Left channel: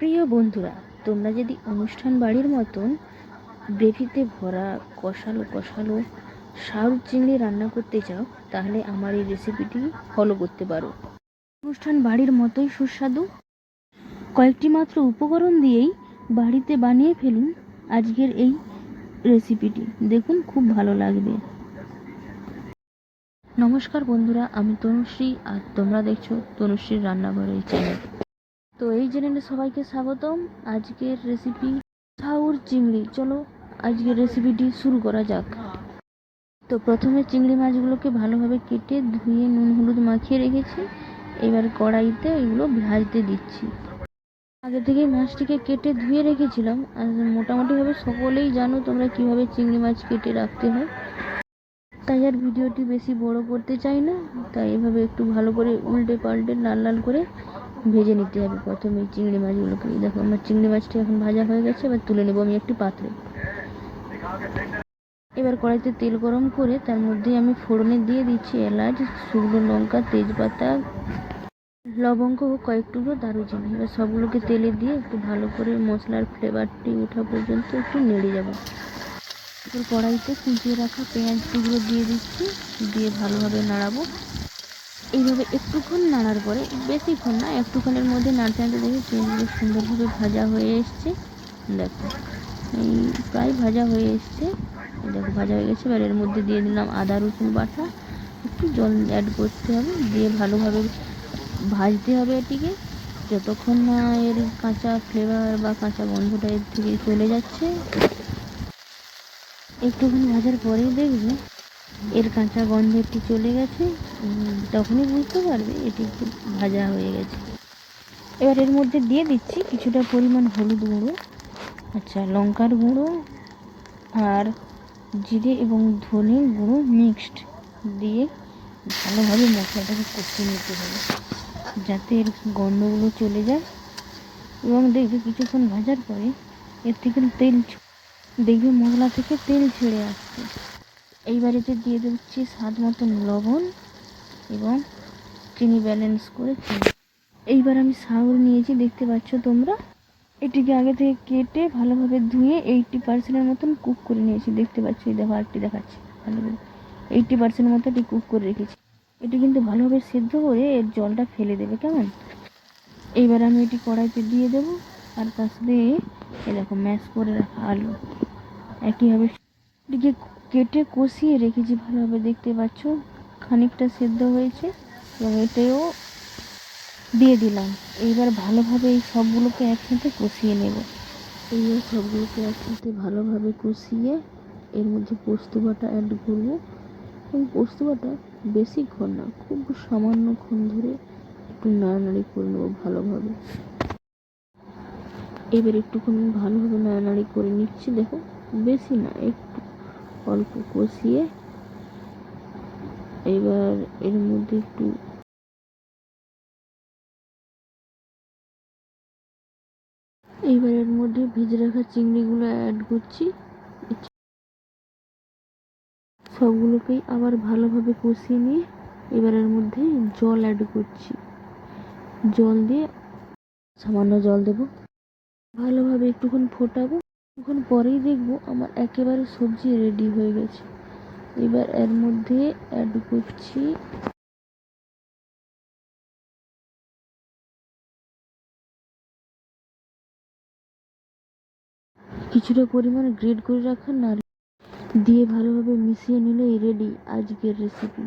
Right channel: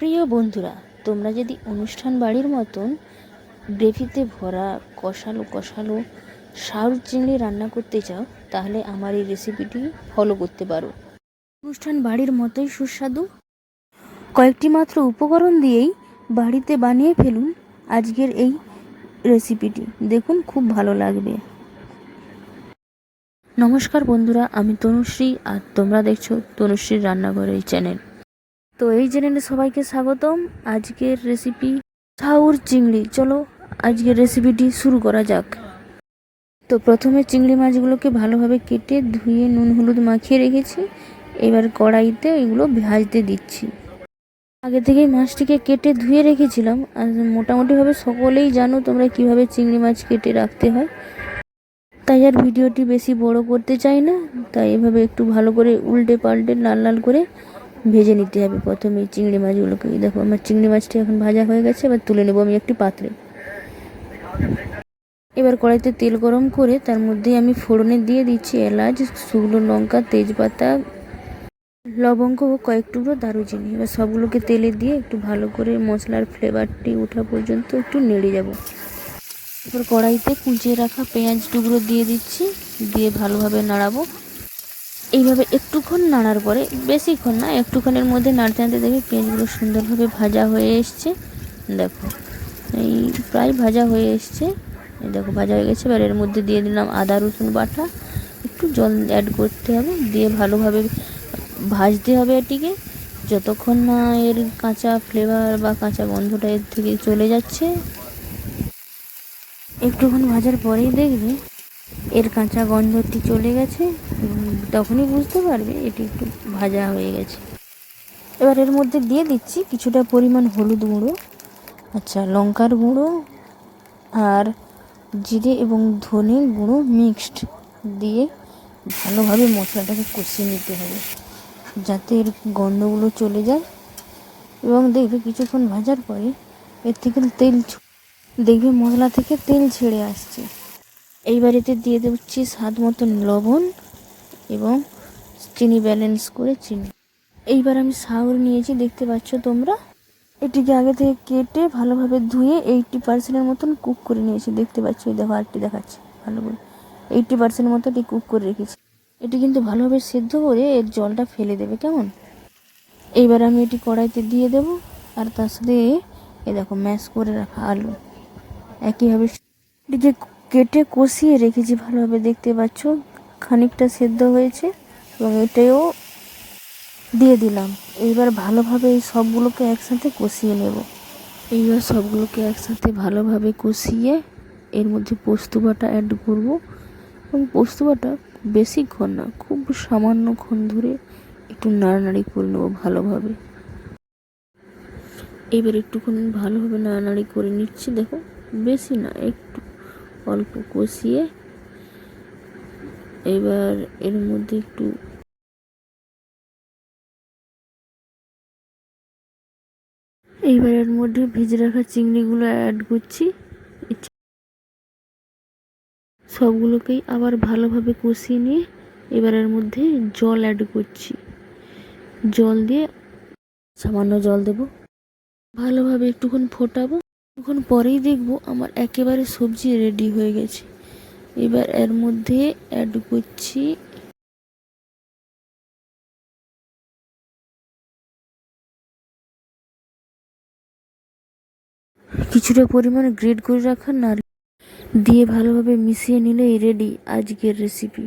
প্রিয় বন্ধুরা, তোমরা যদি অনুষ্ঠান বাড়ির মতন গ্রেভিতে ভরা কষালো কষালো শাউর চিংড়ি রান্না করতে চাও, তাহলে আমার এই রেসিপিটি ফলো করতে পারো। অনুষ্ঠান বাড়ির মতোই সুস্বাদু। কয়েকটি মাত্র উপকরণ দিয়েই বাড়িতে বানিয়ে ফেলুন আজকের এই রেসিপিটি দেখুন, খুব ভালো লাগবে। নমস্কার বন্ধুরা, আমি তনুশ্রী আর তোমরা দেখছ তনুশ্রীর রান্নাঘর এই চ্যানেল তো এই চ্যানেলে সবাইকে স্বাগতম। আজকের রেসিপি ছাউর চিংড়ি। চলো আজকের রেসিপিটি শুরু করা যাক। তো প্রথমে চিংড়ি মাছগুলোকে ভালোভাবে কেটে ধুয়ে নুন, হলুদ মাখিয়ে রেখেছি। এবার কড়াইতে এগুলো ভাজতে দিচ্ছি। আগে থেকেই মাছটিকে কেটে ধুয়ে রেখেছিলাম। আর মোটামুটিভাবে সকলেই জানো তোমরা কীভাবে চিংড়ি মাছ কেটে রাখতে হয়। তাই আর ভিডিওটি বেশি বড় করতে চাই না। তাই এভাবে একটু ভালো করে উল্টে পাল্টে লাল লাল করে ভেজে নিতে হবে প্রথমে চিংড়ি মাছগুলোকে। দেখো, আমার চিংড়ি মাছটি এখন ভাজা হয়ে গেছে, এবার তুলে নেব আমি একটি পাত্রে। এবার কড়াইতে তেল গরম করে তার মধ্যে আমি ফোড়নে দিয়ে দিচ্ছি এলাচ, শুকনো লঙ্কা, তেজপাতা, লবঙ্গ ও কয়েক টুকরো দারুচিনি। এবার সবগুলোকে তেলে দিয়ে একটু ভালো করে মশলার ফ্লেভারটি ওঠা পর্যন্ত একটু নেড়ে যাব। এবার কড়াইতে কুচিয়ে রাখা পেঁয়াজ টুকরো দিয়ে দিচ্ছি, দিয়ে ভালোভাবে নাড়াবো। এইভাবে একটুক্ষণ নাড়ার পরে, বেশিক্ষণ না, একটুক্ষণের মধ্যে নাড়তে নাড়তে দেখি পেঁয়াজগুলো সুন্দরভাবে ভাজা হয়ে এসছে। দেখো, এই প্রায় ভাজা হয়ে এসছে। দেখো, ভাজা হয়ে গেছে। এবার এর মধ্যে দিয়ে দিলাম আদা, রসুন বাটা। একটু জল অ্যাড করতে হবে, দিয়ে ভালোভাবে ভাজতে হবে এটিকে। যতক্ষণ না এর কাঁচা ফ্লেভার বা কাঁচা গন্ধটা এর থেকে চলে যাচ্ছে। একটুক্ষণ ভাজার পরেই দেখবে এর কাঁচা গন্ধটি চলে গেছে তখনই বুঝতে পারবে এটি একটু ভাজা হয়ে গেছে। এবার এর মধ্যে দিয়ে দিচ্ছি কিছুটা পরিমাণ হলুদ গুঁড়ো আচ্ছা লঙ্কার গুঁড়ো আর জিরে এবং ধনে গুঁড়ো মিক্সড দিয়ে ভালোভাবে মশলাটাকে কষিয়ে নিতে হবে, যাতে এর গন্ধগুলো চলে যায়। এবং দেখবে কিছুক্ষণ ভাজার পরে এর থেকে তেল দেখবে মশলা থেকে তেল ছেড়ে আসছে। এইবার এতে দিয়ে দিচ্ছি স্বাদ মতন লবণ এবং চিনি ব্যালেন্স করে চিনি। এইবার আমি সাউর নিয়েছি, দেখতে পাচ্ছ তোমরা? এটিকে আগে থেকে কেটে ভালোভাবে ধুয়ে এইটটি পার্সেন্টের মতন কুক করে নিয়েছি। দেখতে পাচ্ছ, এই দেখো আরেকটি দেখাচ্ছে। ভালো করে এইটটি পার্সেন্টের মতো এটি কুক করে রেখেছি। এটি কিন্তু ভালোভাবে সেদ্ধ করে এর জলটা ফেলে দেবে, কেমন? এইবার আমি এটি কড়াইতে দিয়ে দেব আর তার সাথে এ দেখো ম্যাশ করে রাখা আলু। একইভাবে এটিকে কেটে কষিয়ে রেখেছি ভালোভাবে, দেখতে পাচ্ছ? খানিকটা সেদ্ধ হয়েছে এবং এটাও দিয়ে দিলাম। এইবার ভালোভাবে এই সবগুলোকে একসাথে কষিয়ে নেব। এইবার সবগুলোকে একসাথে ভালোভাবে কষিয়ে এর মধ্যে পোস্ত বাটা অ্যাড করব। এবং পোস্ত বাটা বেশিক্ষণ না, খুব সামান্যক্ষণ ধরে একটু নাড়ানাড়ি করে নেব ভালোভাবে। এবার একটুখানি ভালোভাবে নাড়ানাড়ি করে নিচ্ছি, দেখো, বেশি না, একটু অল্প কষিয়ে এবার এর মধ্যে একটু এইবার এর মধ্যে ভেজে রাখা চিংড়িগুলো অ্যাড করছি। সবগুলোকেই আবার ভালোভাবে কষিয়ে নিয়ে এবার এর মধ্যে জল অ্যাড করছি। জল দিয়ে সামান্য জল দেব। ভালোভাবে একটুক্ষণ ফোটাবো। কিছুক্ষণ পরেই দেখব আমার একেবারে সবজি রেডি হয়ে গেছে। এবার এর মধ্যে অ্যাড করছি কিছুটা পরিমাণে গ্রেড করে রাখা নারকেল দিয়ে ভালোভাবে মিশিয়ে নিলেই রেডি আজকের রেসিপি